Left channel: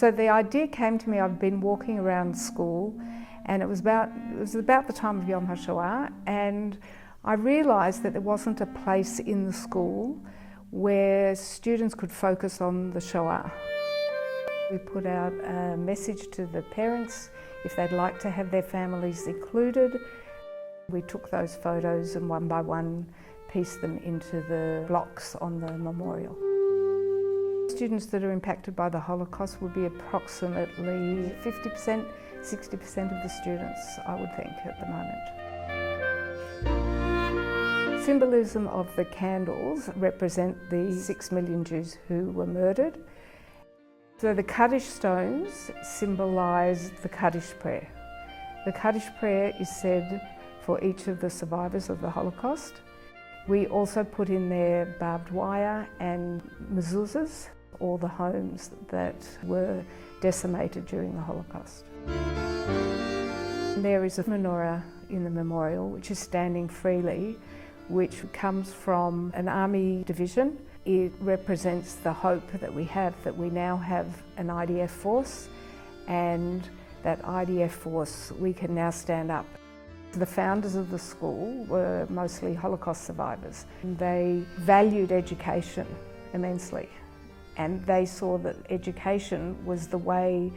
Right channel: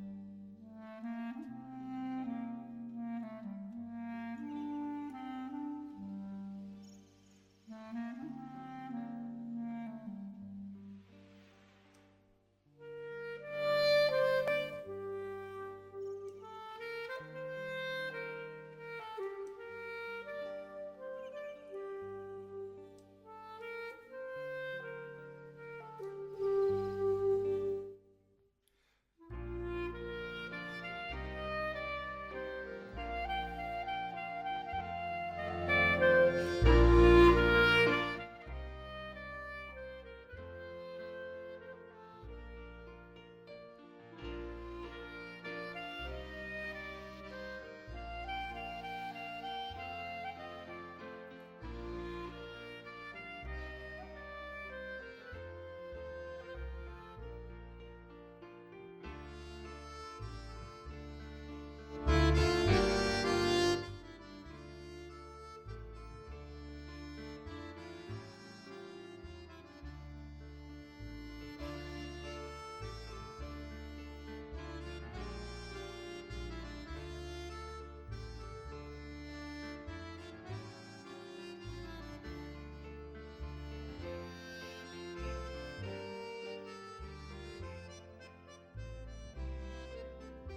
So the idea came to me. I'd been walking around school, and it was about the time of Yom HaShoah, and I realised that there wasn't a place in the school where students could focus on the Shoah. We put out a message to the parents if they'd like to have their families included. We took those photos and one by one pieced them into the blocks on the memorial. Students that are impacted by the Holocaust would be approximately 50%, 60% of the students, I would think, at the moment. Symbolism of the candles represent the 6 million Jews who were murdered. So the Kaddish stones symbolise the Kaddish prayer. The Kaddish prayer is said for each of the survivors of the Holocaust. We also put in there barbed wire and mezuzahs, all the homes that were decimated during the Holocaust. There is a menorah in the memorial which is standing freely, which comes from an army division. It represents the hope that we have, that we now have an IDF force, and that IDF force, we can now stand up. The founders of the school were mostly Holocaust survivors. They valued education immensely, and they saw that education was the way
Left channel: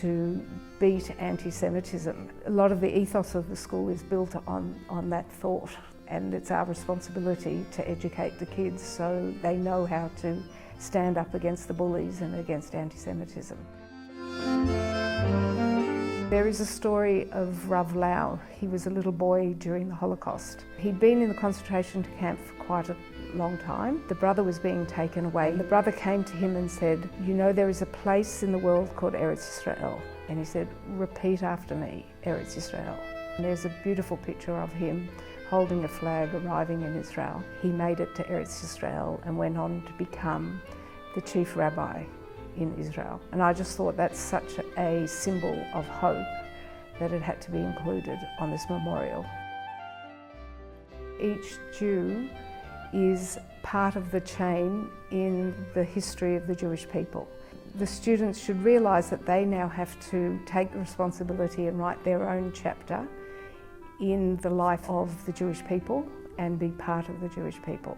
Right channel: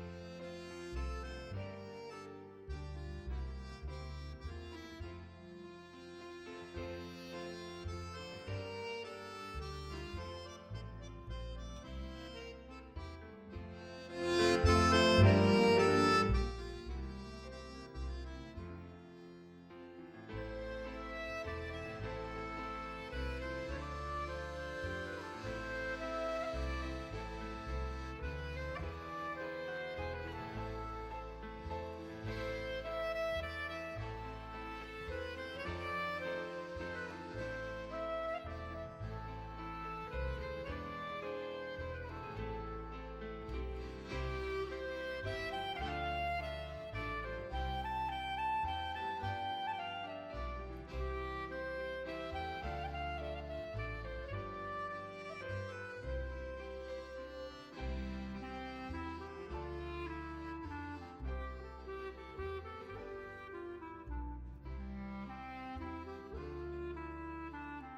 to beat anti-Semitism. A lot of the ethos of the school is built on that thought, and it's our responsibility to educate the kids so they know how to stand up against the bullies and against anti-Semitism. There is a story of Rav Lau. He was a little boy during the Holocaust. He'd been in the concentration camp for quite a long time. The brother was being taken away. The brother came to him and said, "You know, there is a place in the world called Eretz Yisrael." And he said, "Repeat after me, Eretz Yisrael." And there's a beautiful picture of him holding a flag arriving in Israel. He made it to Eretz Yisrael and went on to become the chief rabbi in Israel. And I just thought that's such a symbol of hope that it had to be included on this memorial. Each Jew is part of the chain in the history of the Jewish people. The students should realise that they now have to take the responsibility and write their own chapter in the life of the Jewish people and be part of the Jewish people.